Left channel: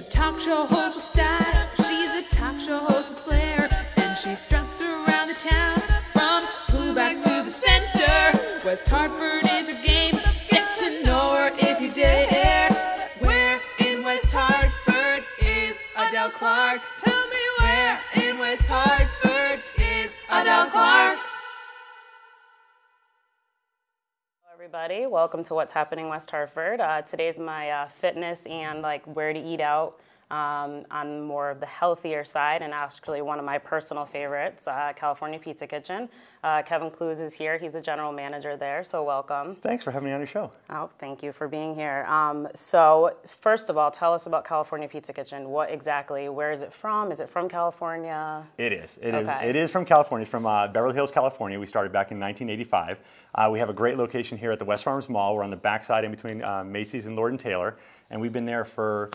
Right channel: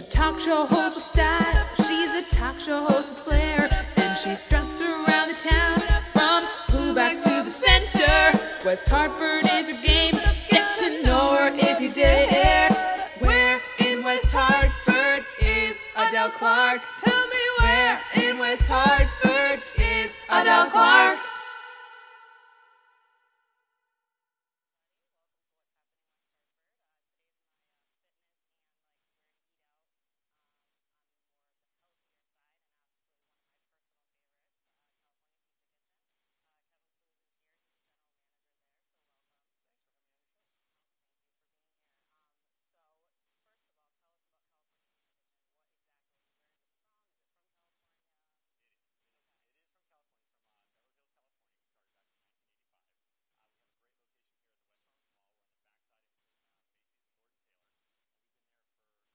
a talk show host with style. She's a talk show host with flair. And she struts around the town from Pullback to the center. West Hartford is her game. Get to know her if you dare. Where in West Hartford is Adele Clark? Tell me where in West Hartford is Adele Clark? Everybody, welcome to What's Happening West Hartford. Today's my fitness and like where to eat out on more of the healthier side, and actually one of my personal favorites, California Pizza Kitchen. Kevin Clues is here. He's the general manager there, so welcome. Thanks for having me on your show. Oh, thank you for being here. So first of all, tell us about California Pizza Kitchen. What exactly, where is it from? Is it from California? It is. It is from California. It's from Beverly Hills, California. We started back in 1985. We have a great location here at the West Farms Mall. We're on the backside in between Macy's and Lord & Taylor, and we've been there for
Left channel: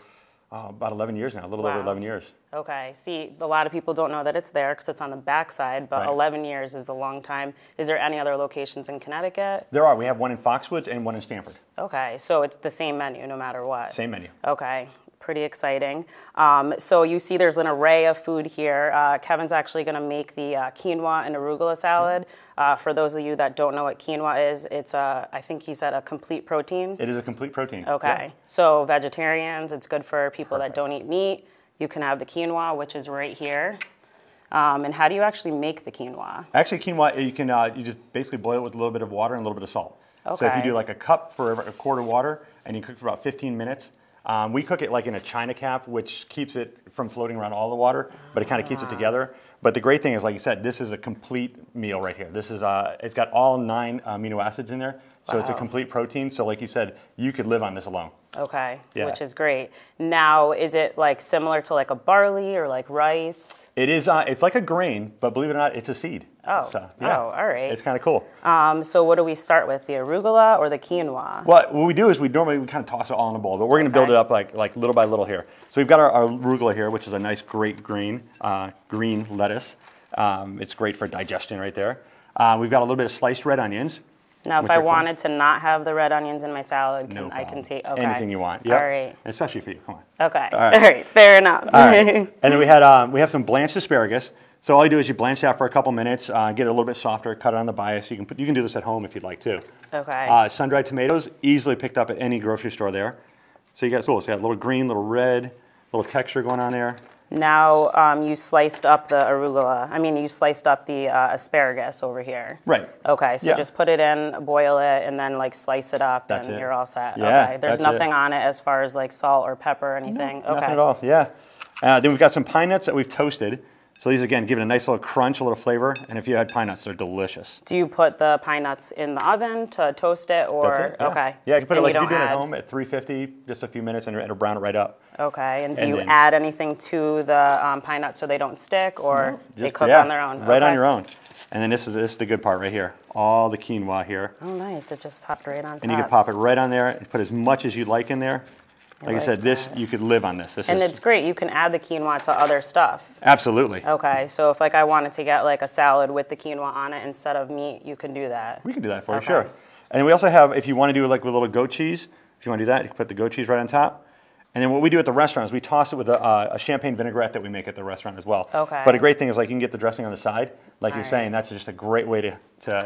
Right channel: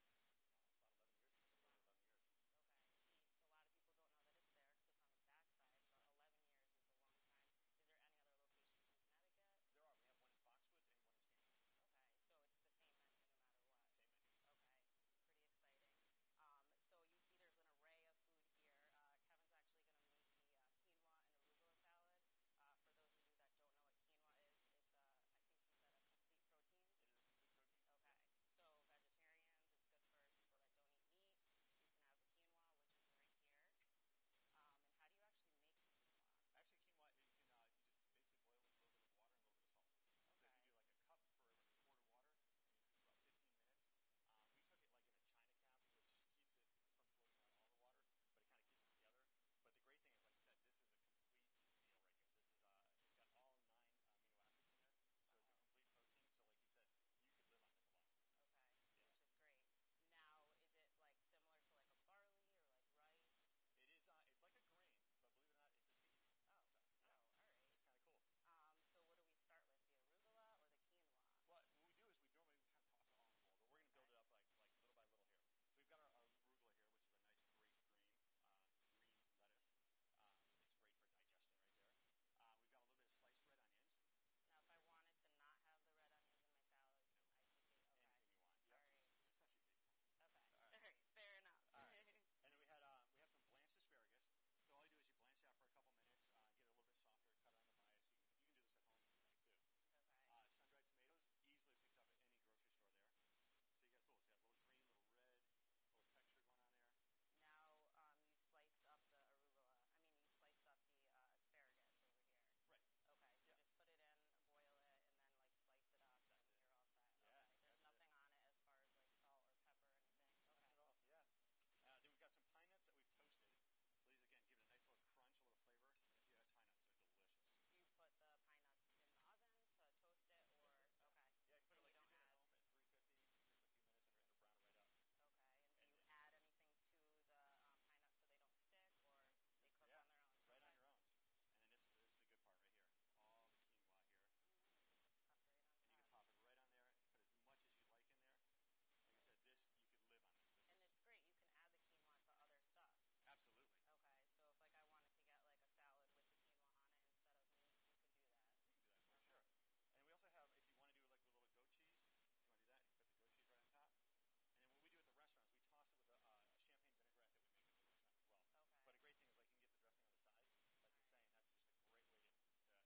about 11 years now, a little over 11 years. Okay. See, a lot of people don't know that it's there because it's on the backside, but Right. 11 years is a long time. Is there any other locations in Connecticut? There are. We have one in Foxwoods and one in Stamford. Okay, so it's the same menu no matter what. Same menu. Okay, pretty exciting. So you see there's an array of food here. Kevin's actually going to make the quinoa and arugula salad. For those of you that don't know what quinoa is, it's I think he said a complete protein. It is a complete protein. Okay, Yeah. so vegetarians, it's good for people that don't eat meat. You can have the quinoa, which is right here. And how do you actually make the quinoa? Actually, quinoa, you can you just basically boil it with a little bit of water and a little bit of salt. So if you Okay. do like a cup for a quart of water and you cook for about 15 minutes, we cook it like in a china cap, which keeps it from floating around all the water, but it kind of keeps it together. But the great thing is, like you said, this is a complete meal right here. This is it's got all 9 amino acids in there, so it's a complete protein. So like you said, you could live on this alone. Okay, Yeah. which is great. Now, is it like similar to like a barley or like rice? It is. It's like a grain, but believe it or not, it's a seed. Oh, So, yeah, all right. It's kind of cool. So what do we start with, the arugula or the quinoa? What we do is we normally kind of toss it all in a bowl, but we're going to build it up like little by little here. So we've got our arugula here, which is a nice, great green lettuce. It's great for digestion right there. We've got a little bit of sliced red onions. Now, if which I are cool. wanted to not have the red onions in my salad, No I can problem. take, okay. Anything you want. Yep. All right. And especially for you. Come on. Okay, All all right. right, fair enough. All right. And then we have some blanched asparagus. So all you do is you blanch that for a couple minutes, get it a little bit softer, cut it on the bias. You can do this at home if you'd like to. Okay. Sun-dried tomatoes, easily picked up at any grocery store there. So you got so you got a little green, little red, little texture going on there. Now, you sliced up the arugula. I mean, you sliced up the asparagus over here. Right. Okay, so Yeah. just put it in, boil it, and then like slice it up, That's and it. you're all set. Yeah, okay. There's that's nothing it. on it as far as like salt or pepper or anything. No, okay. Nothing at all. Yeah. Then we've got some pine nuts that we've toasted. So these again give it a nice little crunch, a little flavor. And if you had pine nuts, they're delicious. Do you put the pine nuts in the oven to toast it, or That's it. Yeah. okay? Yeah, you can put it And like you if you're doing don't it at add- home at 350, just a few minutes, and it'll brown it right up. Okay, and do And you then- add anything to the pine nuts so they don't stick, or they Just- cook yeah, on their own? Right on Okay. your own. And then this is the good part right here. All the quinoa here. Oh, nice! It just hopped right on top. And you can pop it right on there and put as much as you'd like in there. Like I like said, this you could live on this. And it's great. You can add the quinoa to other stuff. Absolutely. Okay, so if like I wanted to get like a salad with the quinoa on it instead of meat, you can do that. We can do that for you, Okay. sure. And then we also have, if you want to do like with a little goat cheese, if you want to do that, you can put the goat cheese right on top. And then what we do at the restaurant is we toss it with a champagne vinaigrette that we make at the restaurant as well. Okay. But a great thing is like you can get the dressing on the side. Like you're right. saying, that's just a great way to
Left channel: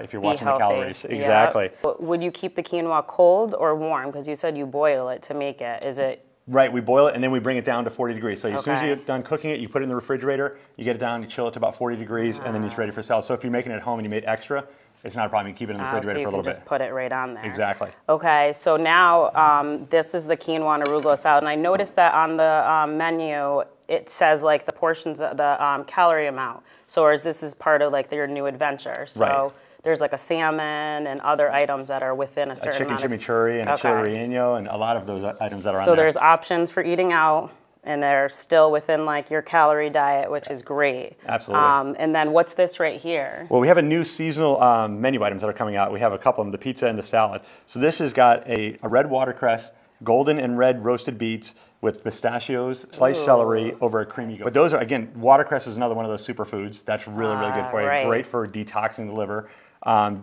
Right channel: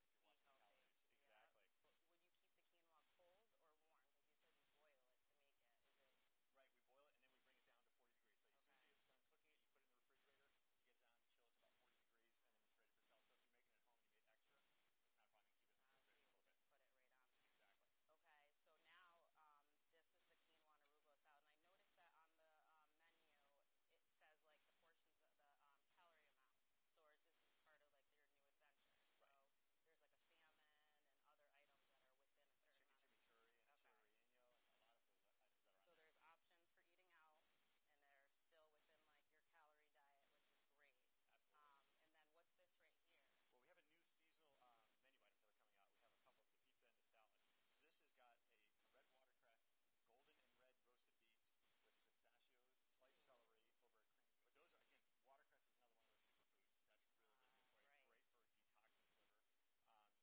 if you're Be watching the healthy. calories. Yep. Exactly. Would you keep the quinoa cold or warm? Because you said you boil it to make it. Is it? Right, we boil it and then we bring it down to 40 degrees. So as soon as Okay. you're done cooking it, you put it in the refrigerator, you get it down, you chill it to about 40 degrees, and then it's ready for salad. So if you're making it at home and you made extra, it's not a problem. You keep it in the So refrigerator you for a can little just bit. put it right on there. Exactly. Okay, so now this is the quinoa and arugula salad, and I noticed that on the menu it says like the portions, the calorie amount. So or is this is part of like your new adventure? So Right. there's like a salmon and other items that are within a A certain chicken amount of- chimichurri and Okay. a chili relleno and a lot of those items that are on So there. there's options for eating out, and they're still within like your calorie diet, which is great. Absolutely. And then what's this right here? Well, we have a new seasonal menu items that are coming out. We have a couple of them, the pizza and the salad. So this has got a red watercress, golden and red roasted beets with pistachios, sliced celery over a creamy goat. But those are, again, watercress is another one of those superfoods. That's really, really good for you. Right. Great for detoxing the liver.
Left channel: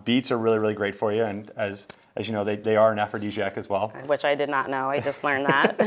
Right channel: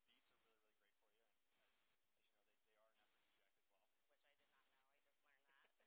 Beets are really, really great for you, and as you know, they are an aphrodisiac as well. Which I did not know. I just learned that.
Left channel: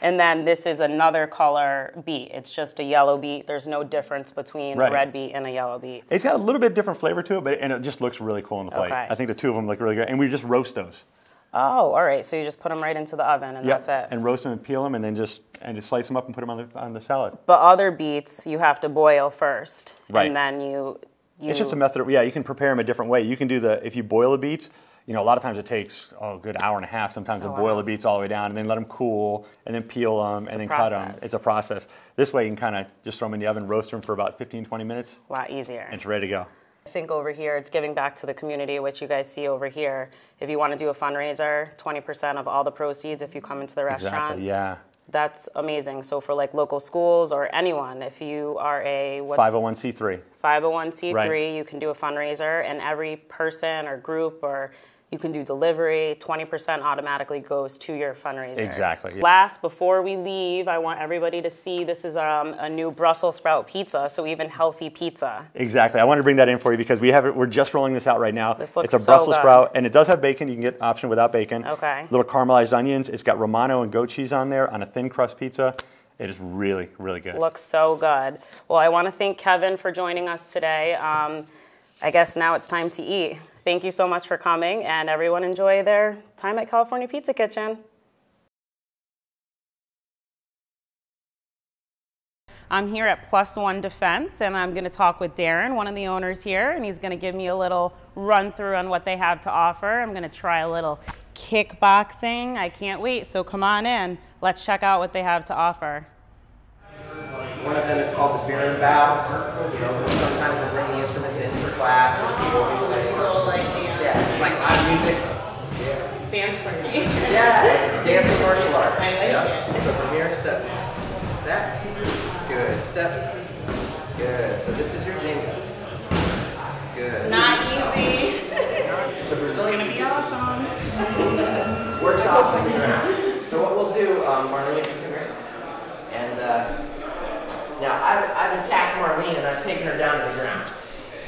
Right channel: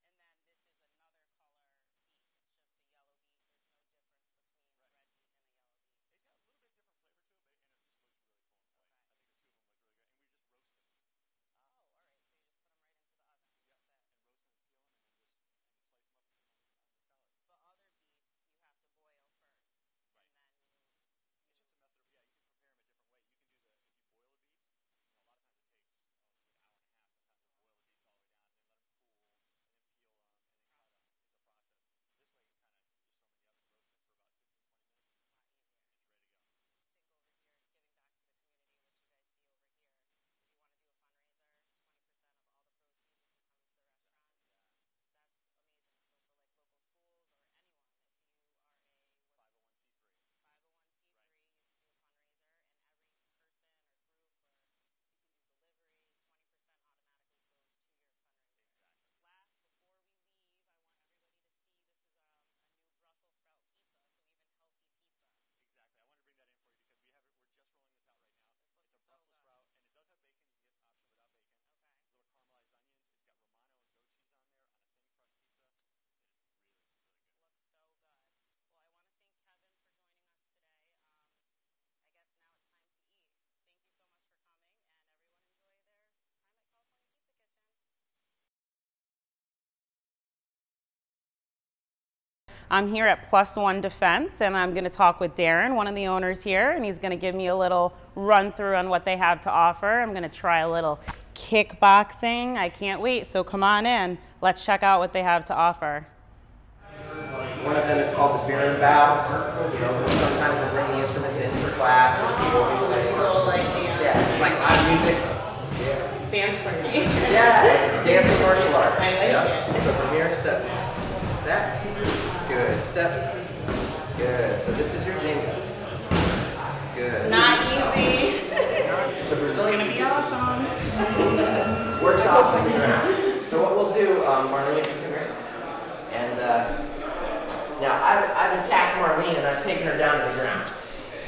And then this is another color beet. It's just a yellow beet. There's no difference between a red beet and a yellow beet. It's got a little bit different flavor to it, and it just looks really cool on the plate. Okay. I think the two of them look really good, and we just roast those. Oh, all right. So you just put them right into the oven, and that's it. And roast them and peel them, and then just slice them up and put them on the salad. But other beets you have to boil first, right? And then you. It's just a method. You can prepare them a different way. You can do if you boil the beets. A lot of times it takes a good hour and a half sometimes to boil the beets all the way down, and then let them cool, and then peel them, and then cut them. It's a process. This way you can kind of just throw them in the oven, roast them for about 15, 20 minutes. A lot easier. And it's ready to go. I think over here it's giving back to the community, which you guys see over here. If you want to do a fundraiser, 20% of all the proceeds if you come into the restaurant. Exactly, yeah. That's amazing. So for like local schools or anyone, if you are a 501c3. 501c3, right. You can do a fundraiser, and every person or group, or you can do delivery, 20% automatically goes to your fundraiser. Exactly. Yeah. Last, before we leave, I want everybody to see this is a new Brussels sprout pizza, so even healthy pizza. Exactly. I wanted to bring that in for you because we're just rolling this out right now. This looks it's a so Brussels good. sprout, and it does have bacon. You can get option without bacon. Okay. Little caramelized onions. It's got Romano and goat cheese on there on a thin crust pizza. It is really, really good. Looks so good. Well, I want to thank Kevin for joining us today. I guess now it's time to eat. Thank you so much for coming, and everyone enjoy their time at California Pizza Kitchen. I'm here at Plus One Defense, and I'm going to talk with Darren, one of the owners here, and he's going to give me a little run through on what they have to offer. I'm going to try a little kickboxing. I can't wait, so come on in. Let's check out what they have to offer. One of them is called the beer and bow. Sometimes we'll bring the instruments in for class, and people will be playing. Like live music. It's a dance party. Yeah, it's dancing martial arts. I like it. So from here, step that. Good. Step. Good. So this is your jingle. Good. It's not easy. So Brazilian It's gonna be awesome. works off on the ground. So what we'll do, Marlene, come here. And now I've attacked Marlene and I've taken her down to the ground.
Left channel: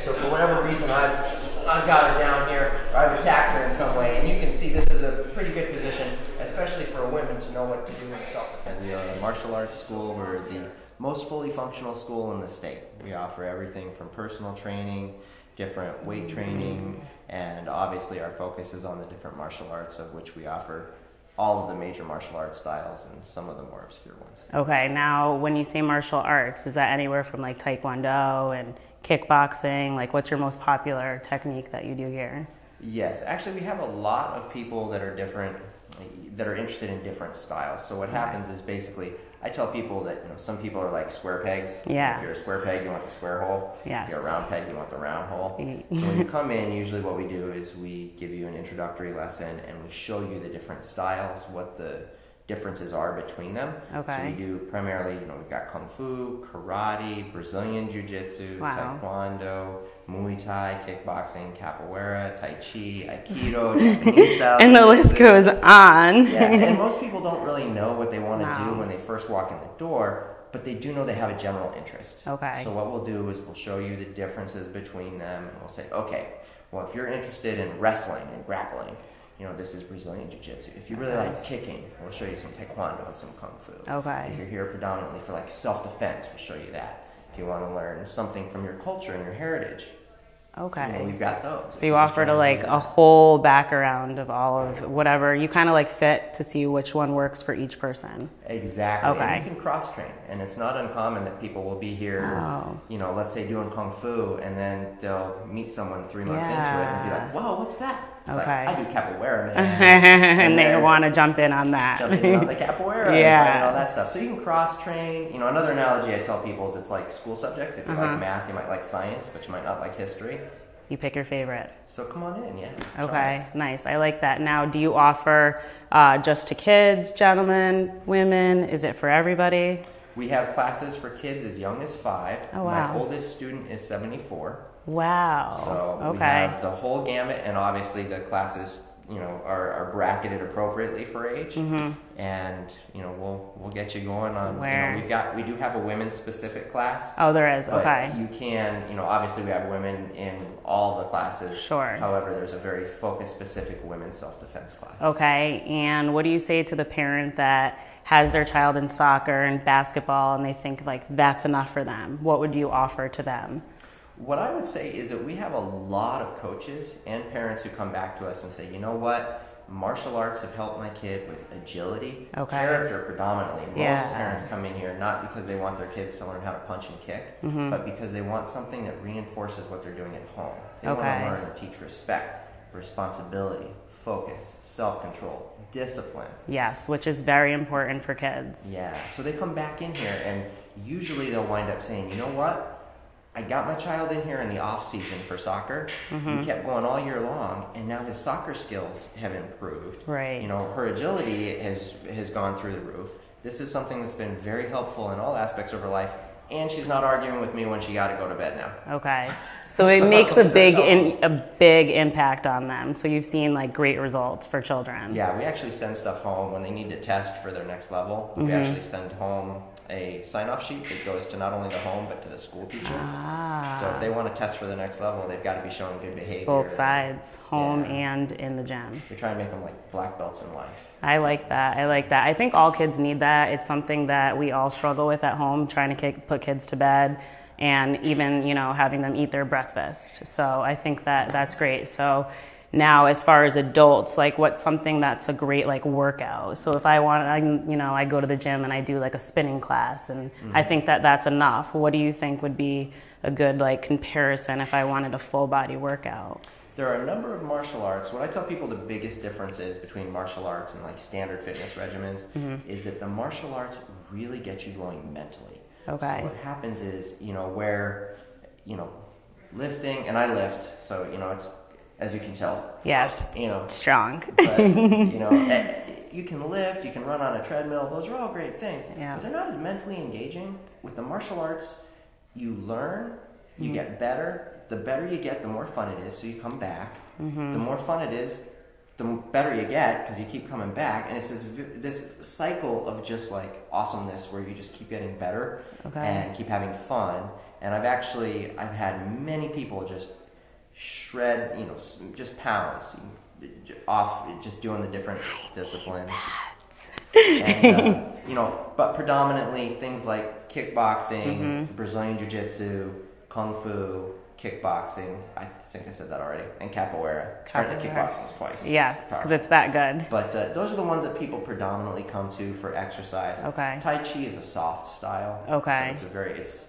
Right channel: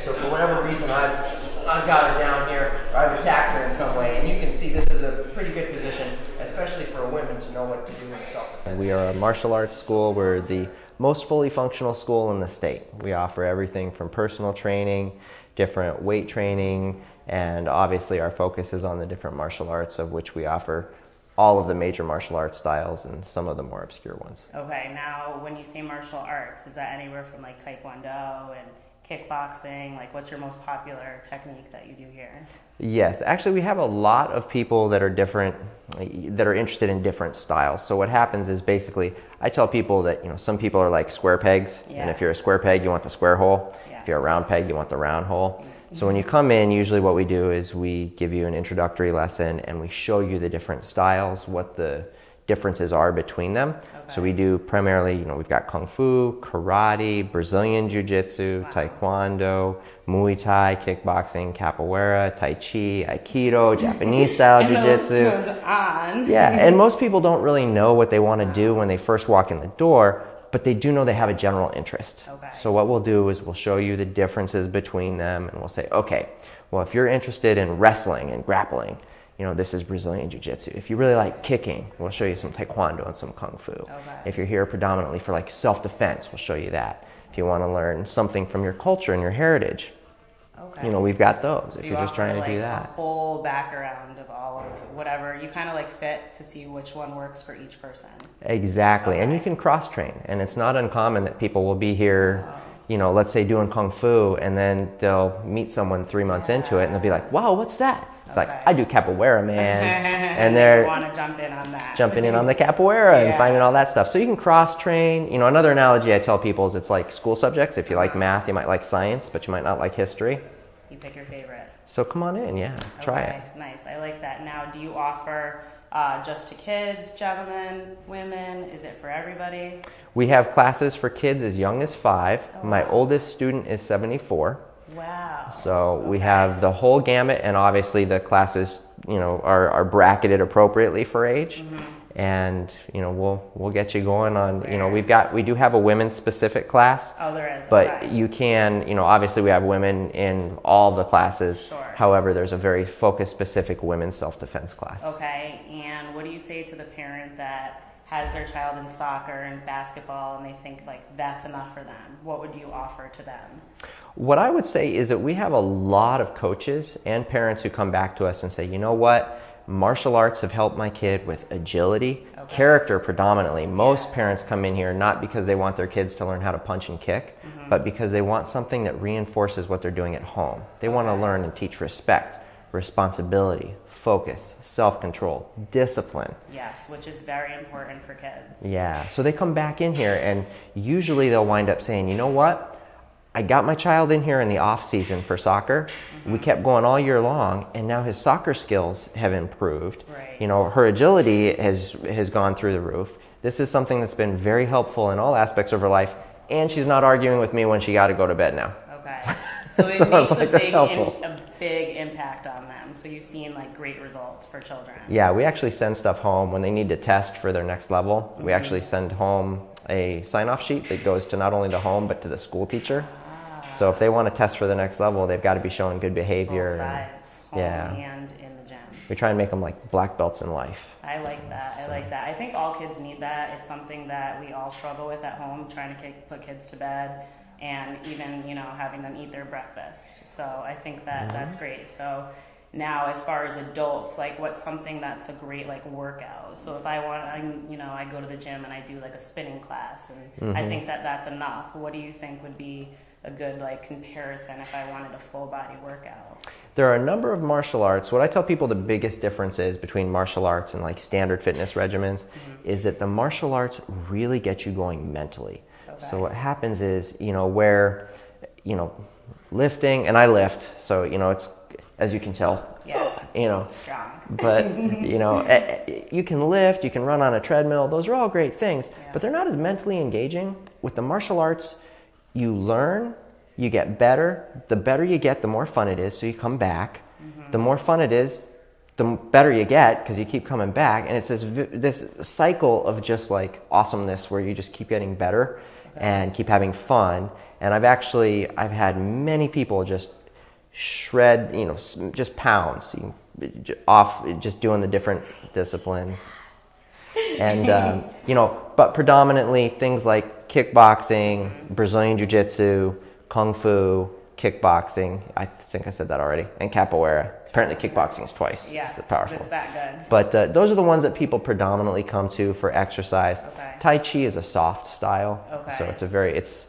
So for whatever reason, I've got her down here, or I've attacked her in some way, and you can see this is a pretty good position, especially for a woman to know what to do in self-defense. We are a martial arts school. We're the most fully functional school in the state. We offer everything from personal training, different weight training, and obviously our focus is on the different martial arts, of which we offer all of the major martial arts styles and some of the more obscure ones. Okay, now when you say martial arts, is that anywhere from like Taekwondo and kickboxing? Like, what's your most popular technique that you do here? Yes, actually we have a lot of people that are different, that are interested in different styles. So what happens is basically, I tell people that, some people are like square pegs. Yeah. And if you're a square peg, you want the square hole. Yes. If you're a round peg, you want the round hole. So when you come in, usually what we do is we give you an introductory lesson and we show you the different styles, what the differences are between them. Okay. So we do primarily, we've got Kung Fu, Karate, Brazilian Jiu-Jitsu, Wow. Taekwondo, Muay Thai, kickboxing, capoeira, Tai Chi, Aikido, Japanese style And the jiu-jitsu. list goes on. Yeah, and most people don't really know what they want to do when they first walk in the door, but they do know they have a general interest. Okay. So what we'll do is we'll show you the differences between them, and we'll say, okay, well, if you're interested in wrestling and grappling, this is Brazilian Jiu-Jitsu. If you really like kicking, we'll show you some Taekwondo and some Kung Fu. Okay. If you're here predominantly for like self-defense, we'll show you that. If you want to learn something from your culture and your heritage, Okay. we've got those. So you offer to like a whole background of all of whatever. You kind of like fit to see which one works for each person. Exactly. And Okay. you can cross train. And it's not uncommon that people will be here, let's say doing Kung Fu, and then they'll meet someone 3 months into it and they'll be like, wow, what's that? It's like, Okay. I do capoeira, man. And they they're want to jump in on that. jumping in on the capoeira Yeah. and finding all that stuff. So you can cross train. Another analogy I tell people is it's like school subjects. If you like math, you might like science, but you might not like history. You pick your favorite. So come on in, yeah. Try Okay, it. nice. I like that. Now, do you offer just to kids, gentlemen, women? Is it for everybody? We have classes for kids as young as 5. Oh, My wow. oldest student is 74. Wow. So we Okay. have the whole gamut, and obviously the classes are bracketed appropriately for age, and we'll get you going on. We do have a women's specific class. Oh, there is. But okay. you can, obviously we have women in all the classes. Sure. However, there's a very focused specific women's self-defense class. Okay. And what do you say to the parent that has their child in soccer and basketball and they think like that's enough for them? What would you offer to them? What I would say is that we have a lot of coaches and parents who come back to us and say, you know what, martial arts have helped my kid with agility, character predominantly. Most parents come in here not because they want their kids to learn how to punch and kick, but because they want something that reinforces what they're doing at home. They want to learn and teach respect, responsibility, focus, self-control, discipline. Yes, which is very important for kids. Yeah, so they come back in here and usually they'll wind up saying, you know what, I got my child in here in the off season for soccer. We kept going all year long, and now his soccer skills have improved. Right. Her agility has gone through the roof. This is something that's been very helpful in all aspects of her life, and she's not arguing with me when she got to go to bed now. Okay. So it makes a big impact on them. So you've seen like great results for children. Yeah, we actually send stuff home when they need to test for their next level. We actually send home a sign-off sheet that goes to not only the home but to the school teacher. So if they want to test for the next level, they've got to be showing good behavior. Both sides, home and in the gym. We try and make them like black belts in life. I like that. I think all kids need that. It's something that we all struggle with at home, trying to put kids to bed and even, having them eat their breakfast. So I think that that's great. So now, as far as adults, like what's something that's a great like workout? So if I go to the gym and I do like a spinning class, and I think that that's enough. What do you think would be a good like comparison if I wanted a full body workout? There are a number of martial arts. What I tell people the biggest difference is between martial arts and like standard fitness regimens is that the martial arts really get you going mentally. Okay. So what happens is, where, lifting, and I lift, so, it's, as you can tell. Yes, strong. But, you can lift, you can run on a treadmill. Those are all great things, but they're not as mentally engaging. With the martial arts, you learn, you get better. The better you get, the more fun it is, so you come back. The more fun it is, the better you get because you keep coming back. And it's this cycle of just like awesomeness where you just keep getting better and keep having fun. And I've had many people just shred, just pounds off just doing the different disciplines. And, but predominantly things like kickboxing, Brazilian Jiu-Jitsu, Kung Fu, kickboxing. I think I said that already. And capoeira. Apparently kickboxing is twice. Yes, because it's that good. But those are the ones that people predominantly come to for exercise. Okay. Tai Chi is a soft style. Okay. So it's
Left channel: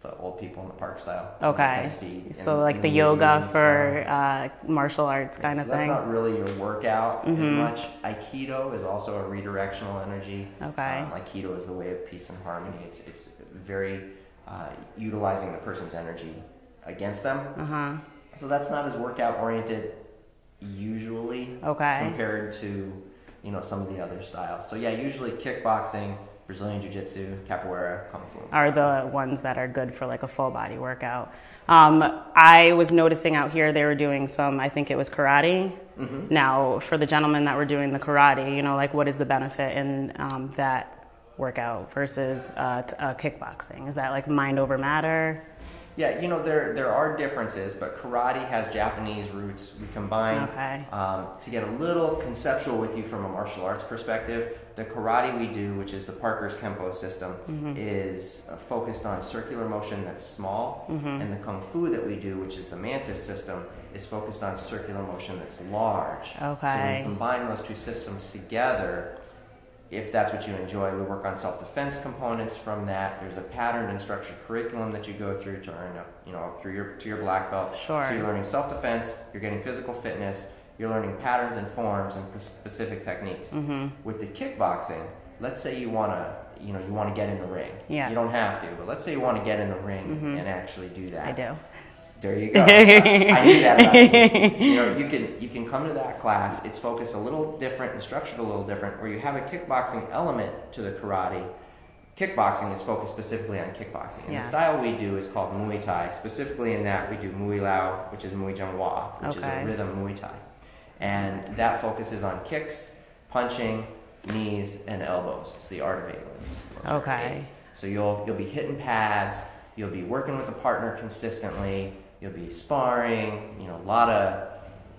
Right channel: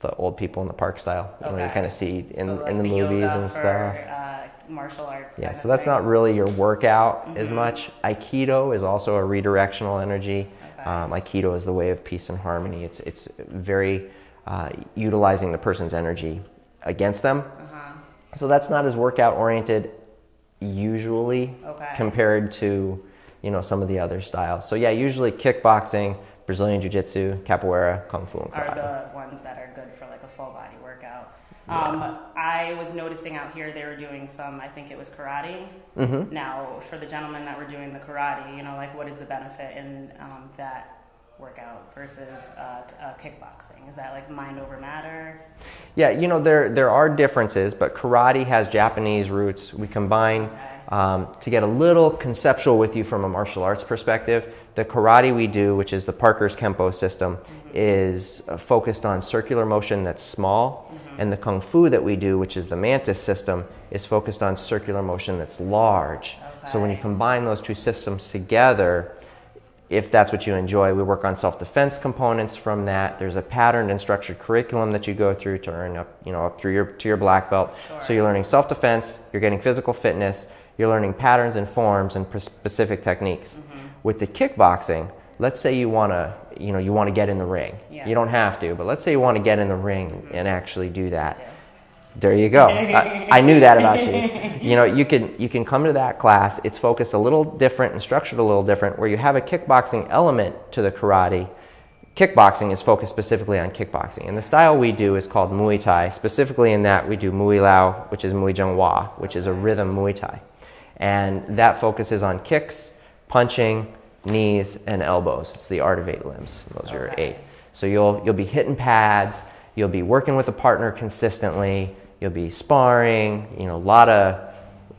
the old people in the park style. Okay. You kind of see in so like in the movies yoga and for martial arts kind of so thing. that's not really your workout as much. Aikido is also a redirectional energy. Okay. Aikido is the way of peace and harmony. It's very utilizing the person's energy against them. So that's not as workout oriented usually compared to some of the other styles. So yeah, usually kickboxing, Brazilian Jiu-Jitsu, capoeira, Kung Fu are the ones that are good for like a full body workout. I was noticing out here they were doing some, I think it was karate. Now for the gentlemen that were doing the karate, like what is the benefit in that workout versus kickboxing? Is that like mind over matter? Yeah, there are differences, but karate has Japanese roots. We combine to get a little conceptual with you from a martial arts perspective. The karate we do, which is the Parker's Kempo system, is focused on circular motion that's small, and the Kung Fu that we do, which is the Mantis system, is focused on circular motion that's large. So when you combine those two systems together, if that's what you enjoy, we work on self-defense components from that. There's a patterned and structured curriculum that you go through to earn up through to your black belt. Sure. So you're learning self-defense, you're getting physical fitness, you're learning patterns and forms and specific techniques. With the kickboxing, let's say you want to get in the ring. Yes. You don't have to, but let's say you want to get in the ring and actually do that. I do. There you go. I knew that about you. You can come to that class. It's focused a little different and structured a little different, where you have a kickboxing element to the karate. Kickboxing is focused specifically on kickboxing. And the style we do is called Muay Thai. Specifically in that we do Muay Lao, which is Muay Jung Hwa, which is a rhythm Muay Thai. And that focuses on kicks, punching, knees, and elbows. It's the art of 8 limbs. Those are 8. So you'll be hitting pads, you'll be working with a partner consistently, you'll be sparring, you know, a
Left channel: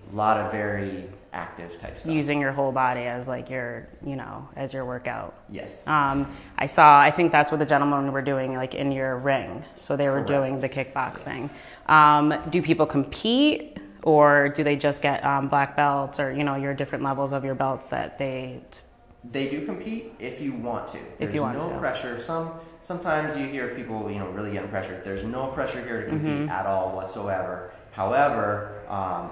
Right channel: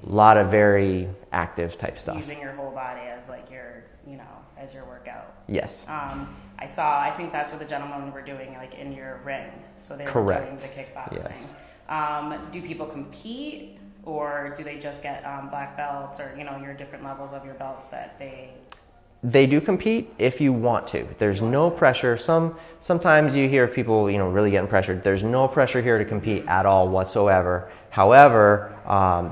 lot of very active type stuff. Using your whole body as like your, you know, as your workout. Yes. I think that's what the gentlemen were doing, like in your ring. So they were doing the kickboxing. Yes. Do people compete, or do they just get black belts, or, you know, your different levels of your belts that They do compete if you want to. There's no pressure. Sometimes you hear people, you know, really getting pressured. There's no pressure here to compete at all whatsoever. However,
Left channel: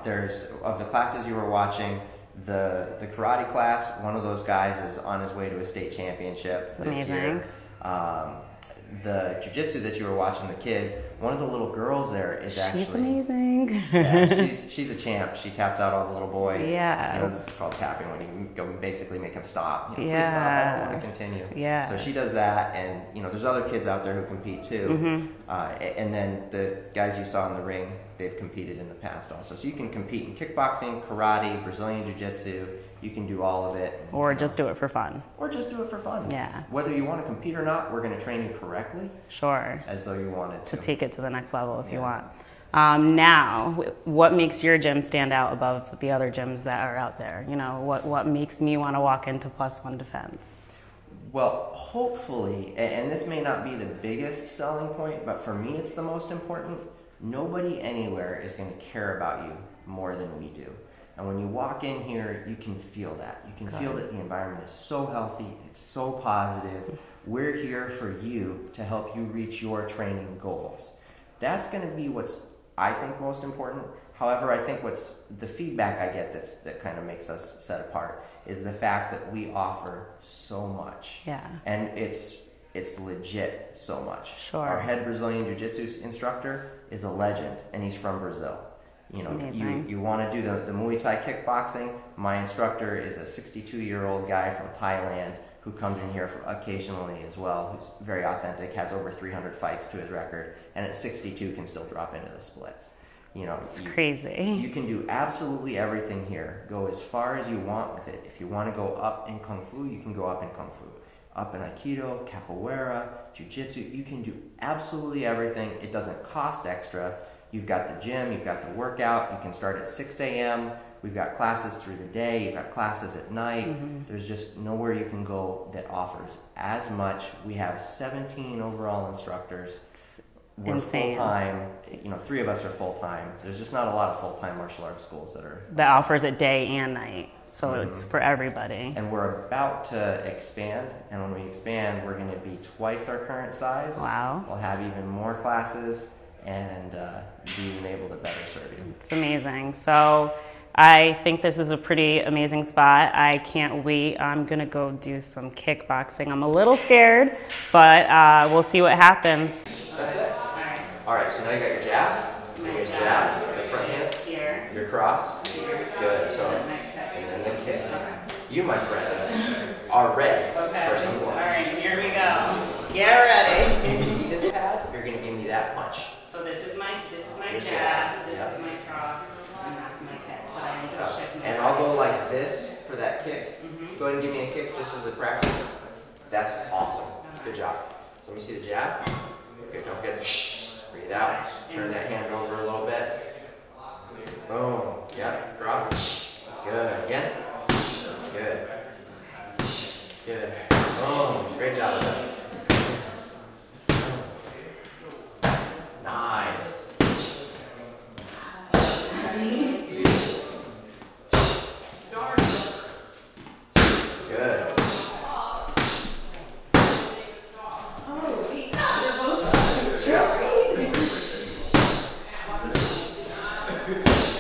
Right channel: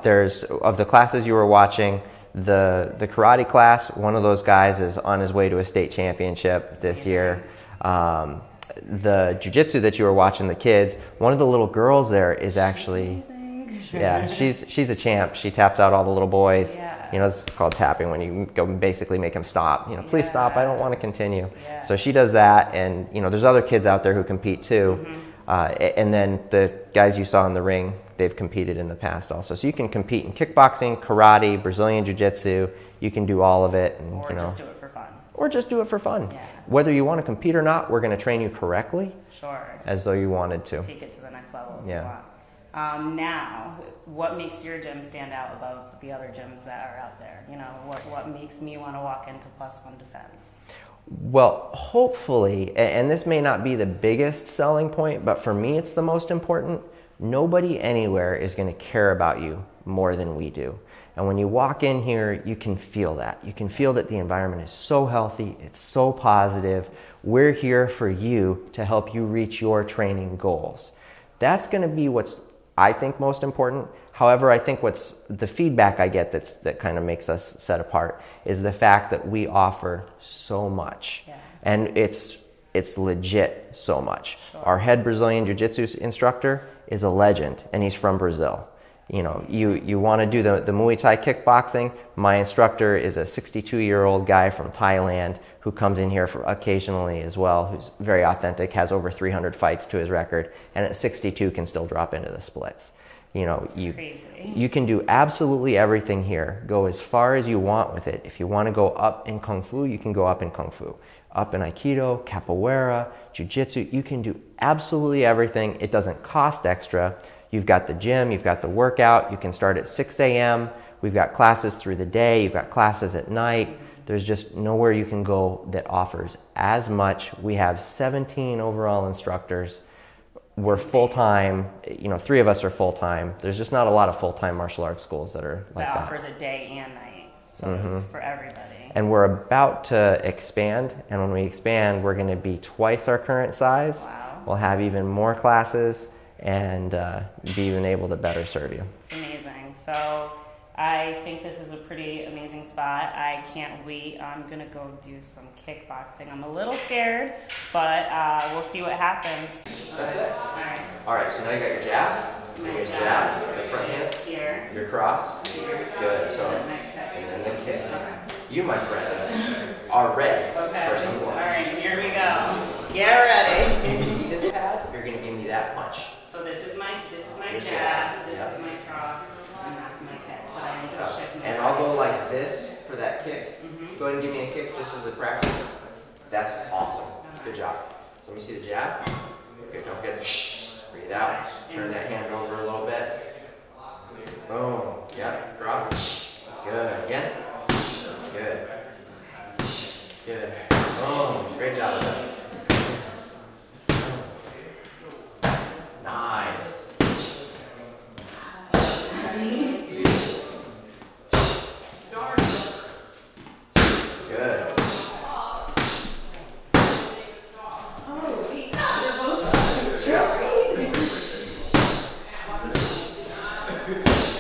there's, of the classes you were watching, the karate class, one of those guys is on his way to a state championship this year. The jiu-jitsu that you were watching, the kids, one of the little girls there is actually... She's amazing. Yeah, she's a champ. She taps out all the little boys. Yeah. You know, it's called tapping, when you go basically make them stop. You know, please stop, I don't want to continue. Yeah. So she does that, and, you know, there's other kids out there who compete too. And then the guys you saw in the ring, they've competed in the past also. So you can compete in kickboxing, karate, Brazilian jiu-jitsu. You can do all of it. And, or just do it for fun. Or just do it for fun. Yeah. Whether you want to compete or not, we're going to train you correctly. Sure. As though you wanted to. Take it to the next level if you want. Now, what makes your gym stand out above the other gyms that are out there? You know, what makes me want to walk into Plus One Defense? Well, hopefully, and this may not be the biggest selling point, but for me it's the most important, nobody anywhere is going to care about you more than we do. And when you walk in here, you can feel that. You can feel that the environment is so healthy, it's so positive. We're here for you to help you reach your training goals. That's going to be what's, I think, most important. However, I think what's the feedback I get that kind of makes us set apart is the fact that we offer so much. Yeah. And it's legit so much. Sure. Our head Brazilian Jiu-Jitsu instructor is a legend, and he's from Brazil. You know, you want to do the Muay Thai kickboxing. My instructor is a 62-year-old guy from Thailand who comes in here occasionally as well, who's very authentic, has over 300 fights to his record, and at 62 can still drop into the splits. You know, it's crazy. You can do absolutely everything here. Go as far as you want with it. If you want to go up in Kung Fu, you can go up in Kung Fu. Up in Aikido, Capoeira, Jiu-Jitsu, you can do absolutely everything. It doesn't cost extra. You've got the gym, you've got the workout, you can start at 6 a.m. We've got classes through the day, you've got classes at night. There's just nowhere you can go that offers as much. We have 17 overall instructors. We're full-time, you know, 3 of us are full-time. There's just not a lot of full-time martial arts schools that are that offers it day and night, so it's for everybody. And we're about to expand, and when we expand, we're going to be twice our current size. Wow. We'll have even more classes and be even able to better serve you. It's amazing. So I think this is a pretty amazing spot. I can't wait. I'm going to go do some kickboxing. I'm a little scared, but we'll see what happens. That's it. All right, so now you got your jab, your jab, your front hand, Here. your cross. Good, so, and then the kick. You, my friend, are ready for some All blows. right, here we go. Get ready. You see this pad? You're going to give me that punch. So this is my Your jab, this Yep. is my cross, and that's my kick. But I need to shift my And I'll go like this for that kick. Go ahead and give me a kick just as a practice. That's awesome. Good job. So let me see the jab. Okay, don't forget to breathe out. Turn that hand over a little bit. Boom. Yep. Cross. Good. Again. Good. Good. Boom. Great job. Nice. Good.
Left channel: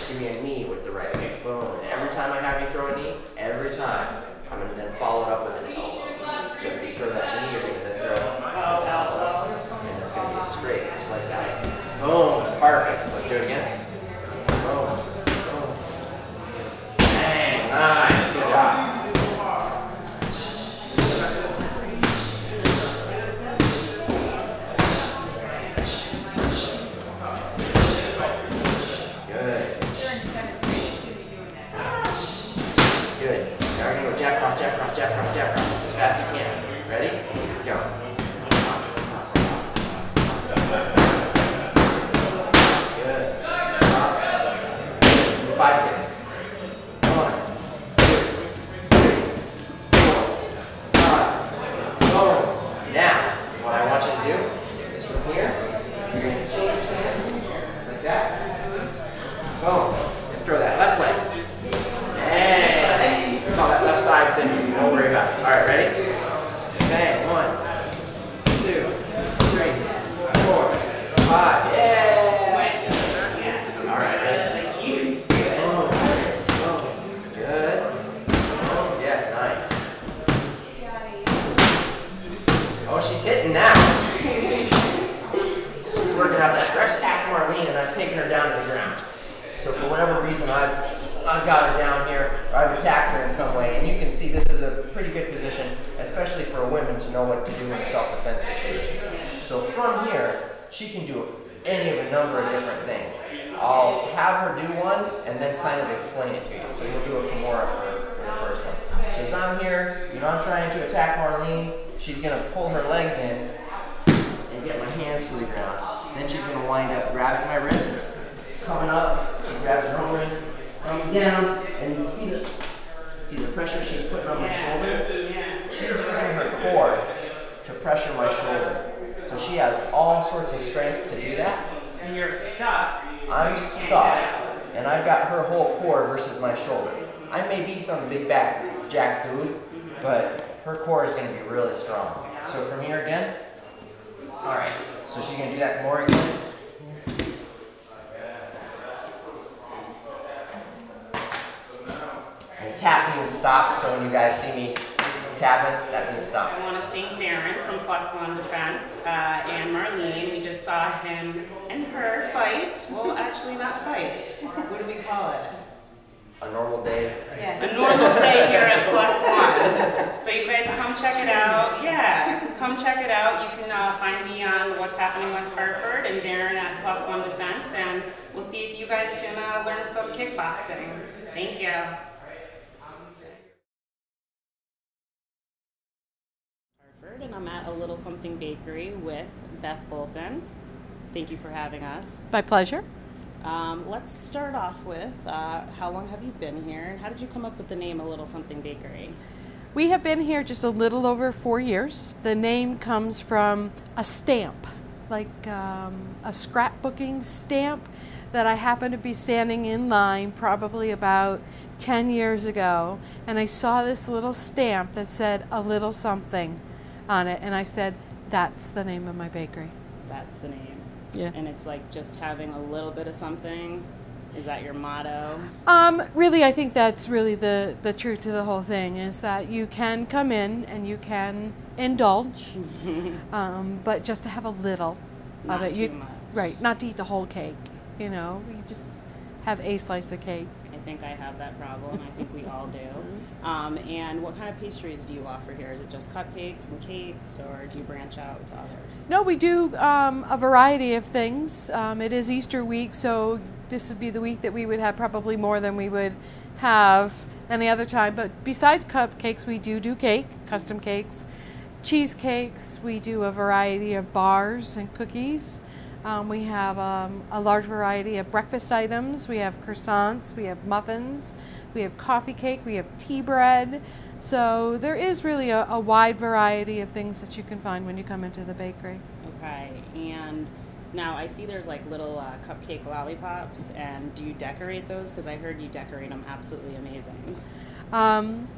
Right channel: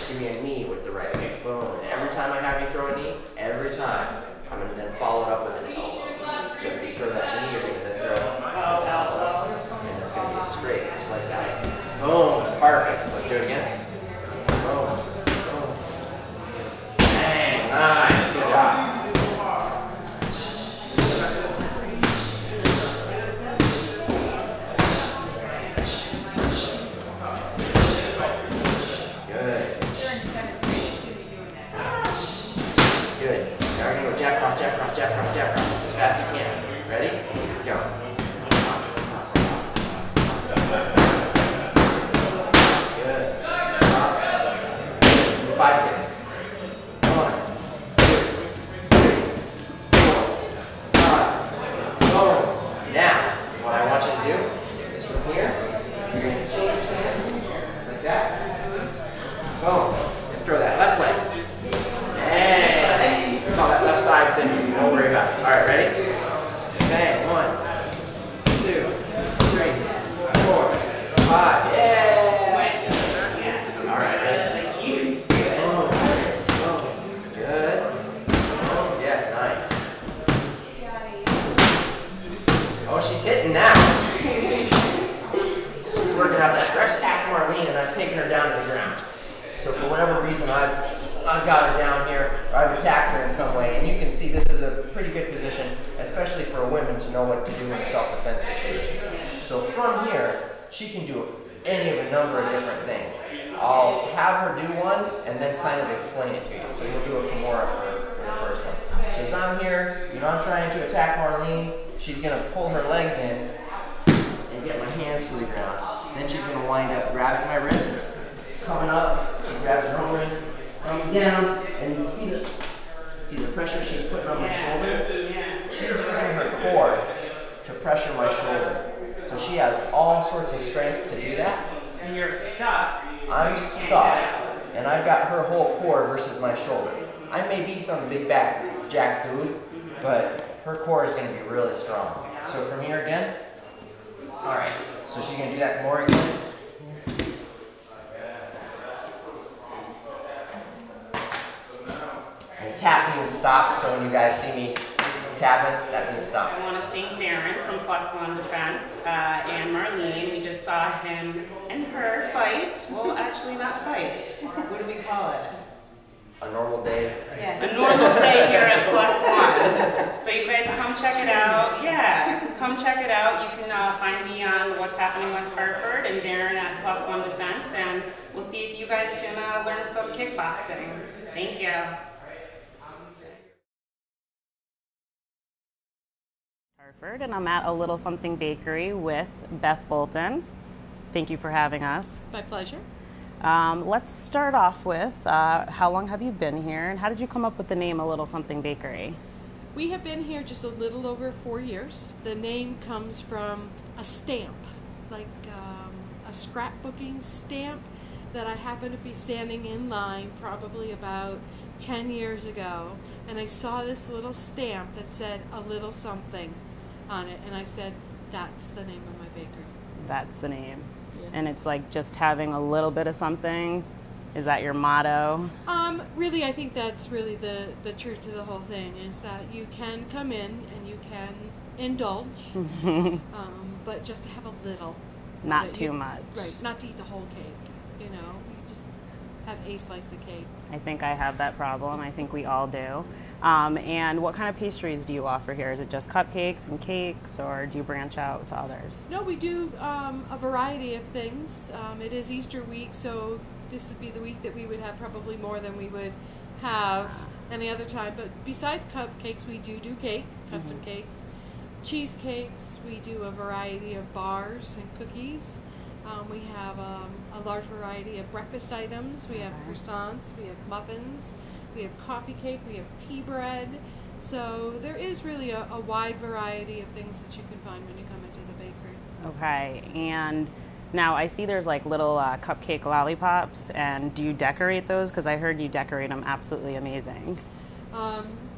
Give me a knee with the right leg. Boom. And every time I have you throw a knee, every time, I'm going to then follow it up with an elbow. So if you throw that knee, you're going to then throw an elbow. And it's going to be straight, just like that. Boom. Perfect. Let's do it again. Boom. Boom. Bang. Nice. Good job. Good. fast as you can. Ready? Go. 5 kicks. 1, 2, 3, 4, 5. Boom. Now, what I want you to do is from here, you're going to change your stance like that. Boom. And throw that left leg. And call that left side send. Don't worry about it. All right, ready? Bang. 1, 2, 3, 4, 5. Yeah. All right, ready? Hitting now. She's working out that fresh tack Marlene, and I've taken her down to the ground. So for whatever reason, I've got her down here, or I've attacked her in some way, and you can see this is a pretty good position, especially for a woman to know what to do in a self-defense situation. So from here, she can do any of a number of different things. I'll have her do one, and then kind of explain it to you. So you'll do a Kimura for the first one. So as I'm here, I'm trying to attack Marlene. She's going to pull her legs in and get my hands to the ground. Then she's going to wind up grabbing my wrist, coming up, she grabs her own wrist, comes down, and you see the pressure she's putting on my shoulder? She's using her core to pressure my shoulder. So she has all sorts of strength to do that. And you're stuck. I'm stuck, and I've got her whole core versus my shoulder. I may be some big back jack dude, but her core is going to be really strong. So from here again. All right. So she's going to do that more again. And tap means stop. So when you guys see me tapping, that means stop. I want to thank Darren from Plus One Defense and Marlene. We just saw him and her fight. Well, actually not fight. What do we call it? A normal day. Yeah, a normal day here at Plus One. So you guys come check it out. Yeah, come check it out. You can find me on What's Happening West Hartford and Darren at Plus One Defense, and we'll see if you guys can learn some kickboxing. Thank you. Hartford, and I'm at a Little Something Bakery with Beth Bolton. Thank you for having us. My pleasure. Let's start off with how long have you been here, and how did you come up with the name A Little Something Bakery? We have been here just a little over 4 years. The name comes from a stamp, like a scrapbooking stamp that I happened to be standing in line probably about 10 years ago, and I saw this little stamp that said A Little Something on it, and I said, that's the name of my bakery. That's the name. Yeah. And it's like just having a little bit of something. Is that your motto? Really, I think that's really the truth to the whole thing, is that you can come in and you can indulge, but just to have a little. Not too much. Right, not to eat the whole cake. You just have a slice of cake. I think I have that problem. I think we all do. And what kind of pastries do you offer here? Is it just cupcakes and cakes, or do you branch out to others? No, we do a variety of things. It is Easter week, so this would be the week that we would have probably more than we would have any other time. But besides cupcakes, we do cake, custom cakes, cheesecakes. We do a variety of bars and cookies. We have a large variety of breakfast items. We have croissants, we have muffins, we have coffee cake, we have tea bread. So there is really a wide variety of things that you can find when you come into the bakery. Okay, and now I see there's like little cupcake lollipops, and do you decorate those? Because I heard you decorate them absolutely amazing.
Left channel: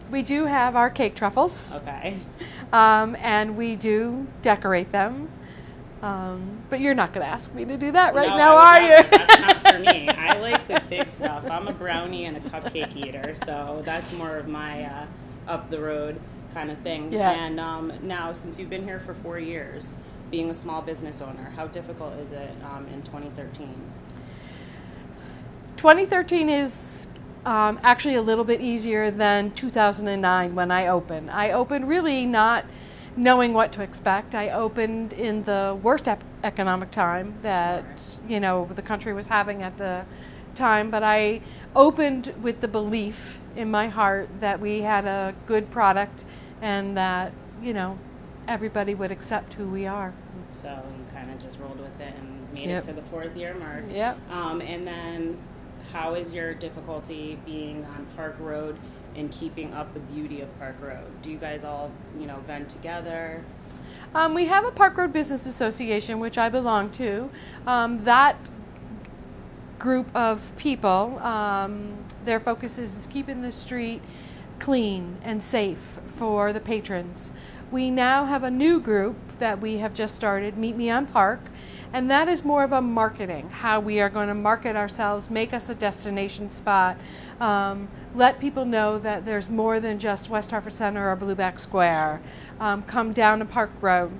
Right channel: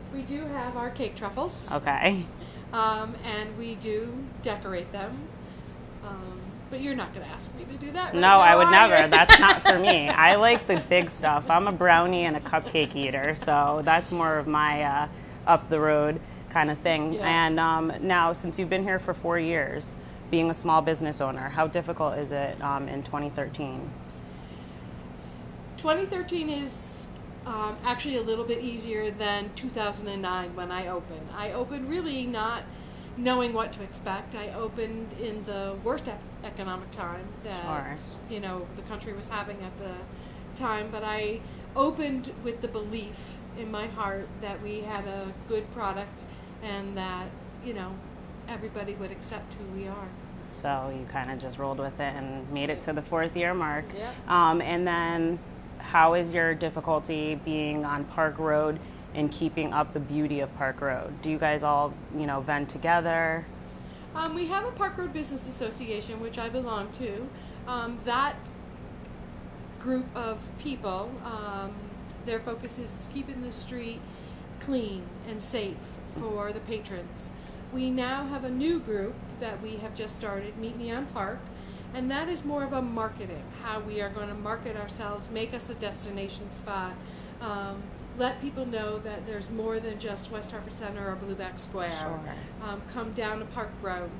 We do have our cake truffles. Okay. And we do decorate them. But you're not going to ask me to do that right now, are I would never. you? That's not for me. I like the big stuff. I'm a brownie and a cupcake eater, so that's more of my up the road kind of thing. Yeah. And now, since you've been here for 4 years, being a small business owner, how difficult is it in 2013? 2013 is actually a little bit easier than 2009 when I opened. I opened really not knowing what to expect. I opened in the worst economic time that the country was having at the time, but I opened with the belief in my heart that we had a good product and that, you know, everybody would accept who we are. So you kind of just rolled with it and made Yep. it to the 4th year mark. Yep. And then how is your difficulty being on Park Road and keeping up the beauty of Park Road? Do you guys all, you know, vend together? We have a Park Road Business Association, which I belong to. That group of people, their focus is keeping the street clean and safe for the patrons. We now have a new group that we have just started, Meet Me on Park, and that is more of a marketing, how we are going to market ourselves, make us a destination spot, let people know that there's more than just West Hartford Center or Blueback Square. Come down to Park Road.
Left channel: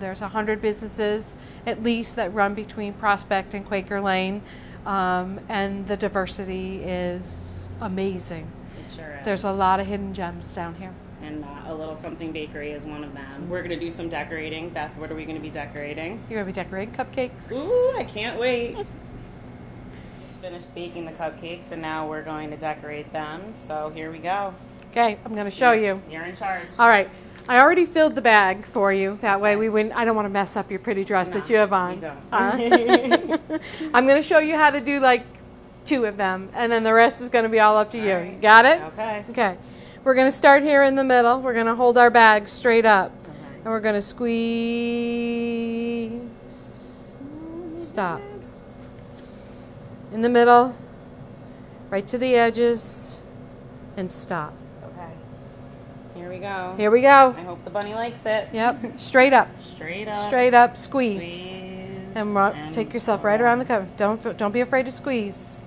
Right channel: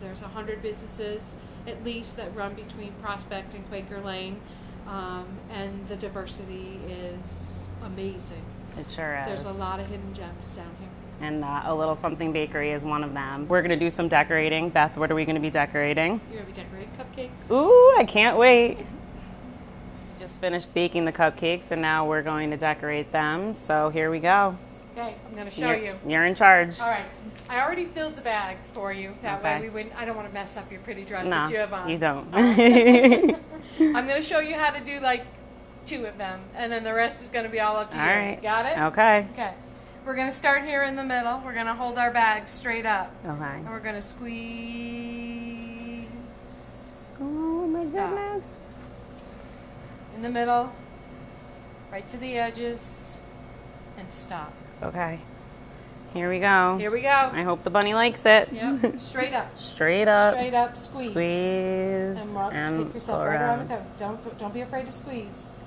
There's 100 businesses at least that run between Prospect and Quaker Lane, and the diversity is amazing. It sure is. There's a lot of hidden gems down here. And A Little Something Bakery is one of them. We're going to do some decorating. Beth, what are we going to be decorating? You're going to be decorating cupcakes. Ooh, I can't wait. Just finished baking the cupcakes, and now we're going to decorate them. So here we go. Okay, I'm going to show you. You're in charge. All right. I already filled the bag for you. That way Okay. we wouldn't. I don't want to mess up your pretty dress No, that you have on. you don't. I'm going to show you how to do like 2 of them, and then the rest is going to be all up to All you. right. Got it? Okay. Okay. We're going to start here in the middle. We're going to hold our bag straight up. Okay. And we're going to squeeze. Oh my Stop. goodness. In the middle, right to the edges, and stop. Okay. Here we go. Here we go. I hope the bunny likes it. Yep. Straight up. Straight up. Straight up. Squeeze. Squeeze. And take yourself pull right around the cover. Don't be afraid to squeeze.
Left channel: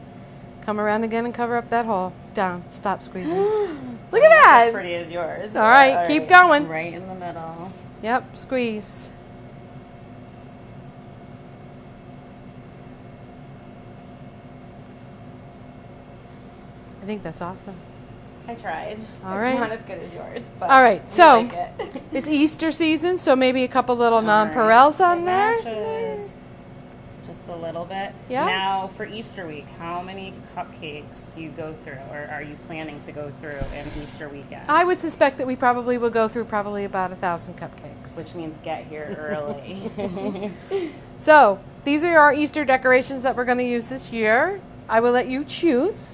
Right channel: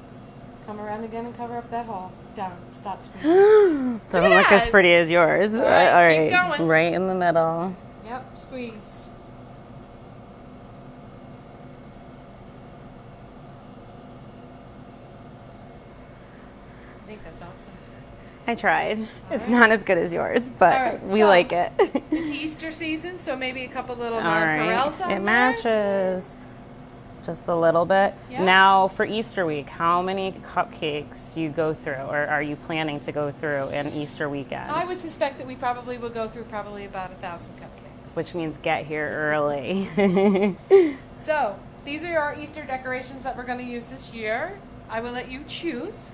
Come around again and cover up that hole. Down. Stop squeezing. Doesn't Look at look as that. pretty as yours. All right, keep going. Right in the middle. Yep. Squeeze. I think that's awesome. I tried. All it's right. not as good as yours, but All right, we so- like it. It's Easter season, so maybe a couple little All right. nonpareils on It there. matches. Just a little bit. Yeah. Now, for Easter week, how many cupcakes do you go through, or are you planning to go through in Easter weekend? I would suspect that we probably will go through probably about 1,000 cupcakes. Which means get here early. So these are our Easter decorations that we're going to use this year. I will let you choose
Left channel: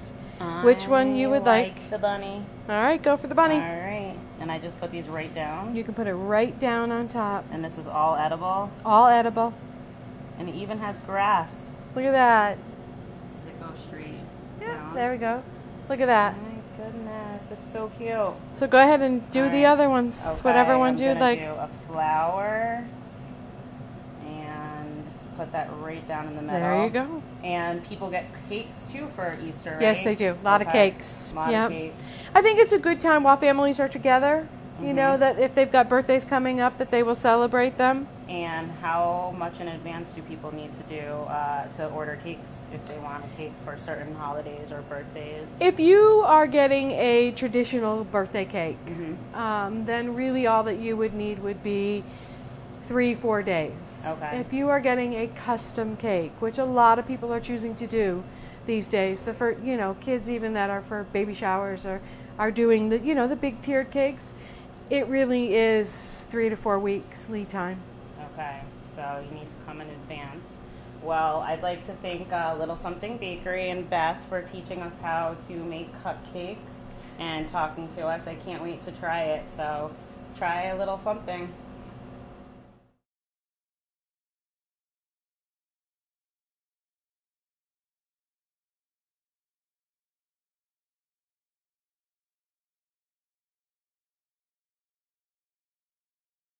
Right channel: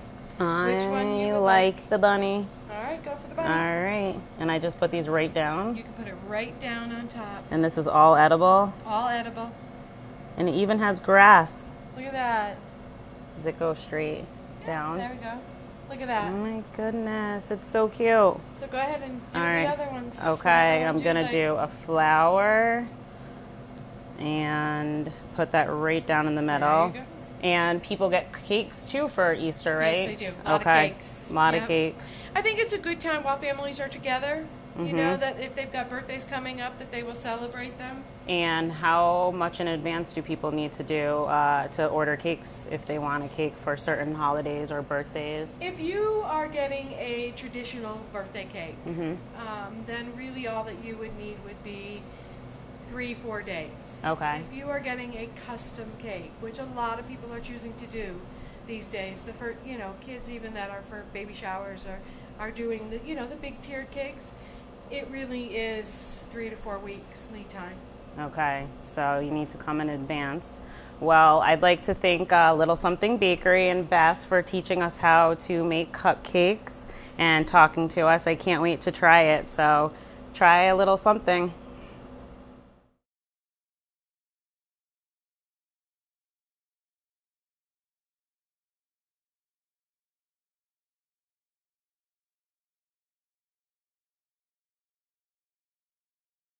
which one you would like. the bunny. All right, go for the bunny. All right. And I just put these right down. You can put it right down on top. And this is all edible. All edible. And it even has grass. Look at that. Does it go straight down? There we go. Look at Oh that. my goodness, it's so cute. So go ahead and do All the right. other ones. Okay, Whatever ones I'm you'd gonna like. do a flower and put that right down in the middle. There you go. And people get cakes too for Easter, right? Yes, they do. A lot of Okay. cakes. A lot Yep. of cakes. I think it's a good time while families are together. You Mm-hmm. know, that if they've got birthdays coming up, that they will celebrate them. And how much in advance do people need to do to order cakes if they want a cake for certain holidays or birthdays? If you are getting a traditional birthday cake, Mm-hmm. then really all that you would need would be 3-4 days. Okay. If you are getting a custom cake, which a lot of people are choosing to do these days, kids even that are for baby showers are doing the big tiered cakes. It really is 3 to 4 weeks lead time. Okay, so you need to come in advance. Well, I'd like to thank Little Something Bakery and Beth for teaching us how to make cupcakes and talking to us. I can't wait to try it, so try a little something.